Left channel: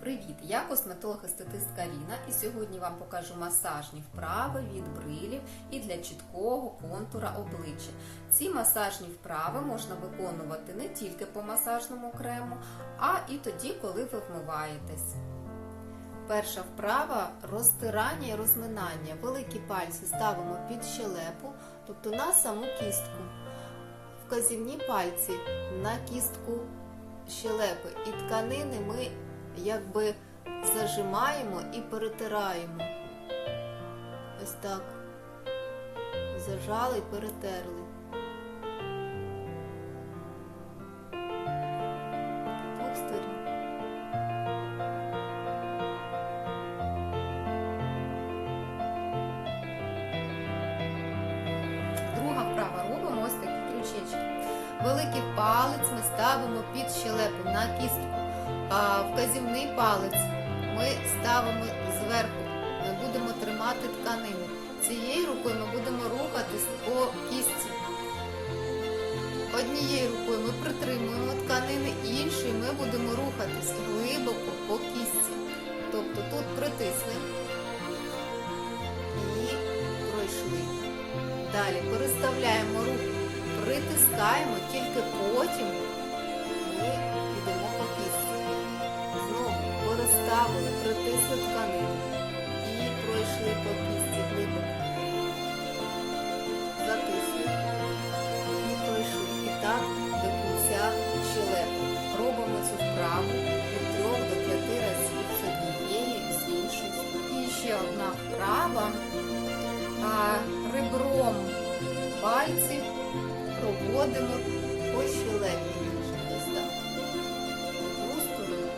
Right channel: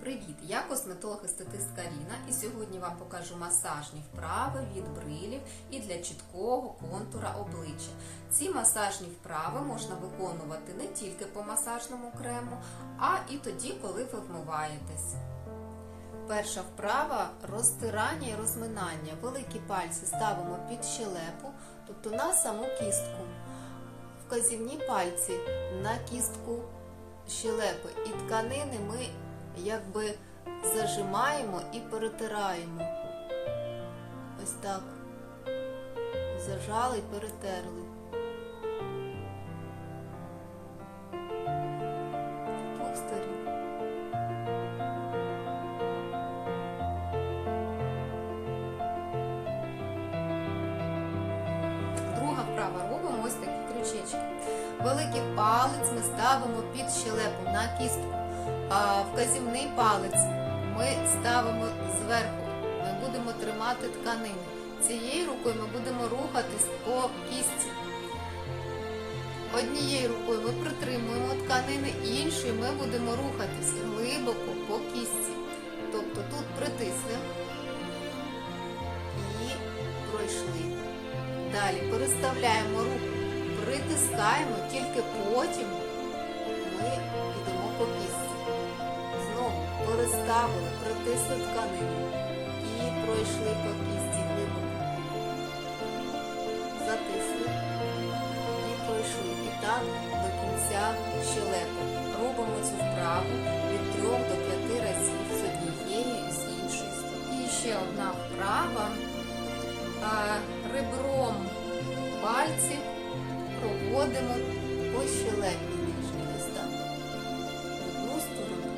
Привіт! Я косметолог-естетистка Ліна і сьогодні вам покажу масажні вправи від брилів і для чіткого контура обличчя. Ці масажні вправи можна виконувати не тільки по масажному крему, а і тоді, коли ви вмиваєтесь. Перша вправа розтирання і розминання. Великі пальці ставимо під щелепу, тобто на саму кістку. Вказівні пальці на кістку щелепи. І тканини ми якби зажимаємо і перетираємо. Ось так. Зажали і перетерли. З Двох сторін. Друга вправа робимо ось такі крючечки. Великий палець ми ставимо під щелепу на кістку. А вказівний палець ми ставимо зверху. Ми будемо тримати тканини. Цією рукою ми будемо рухатись по кістці. Однією рукою ми притримуємо тканини, іншою ми будемо рухатись глибоко по кістці. Тобто тут притисли і пройшли. Далі переставляємо руку, притискаємо, тільки потім ми йдемо по кістці порозставили, притисли тканини і пройшли по кісті глибоко. Затисли і пройшли. І так до кінця щелепи. Робимо цю вправу від 3 до 5 разів з однієї і з іншої сторони. І ще одна вправа. а Ребром пальців проводимо по щелепі ніжні. Ось. В одну сторону.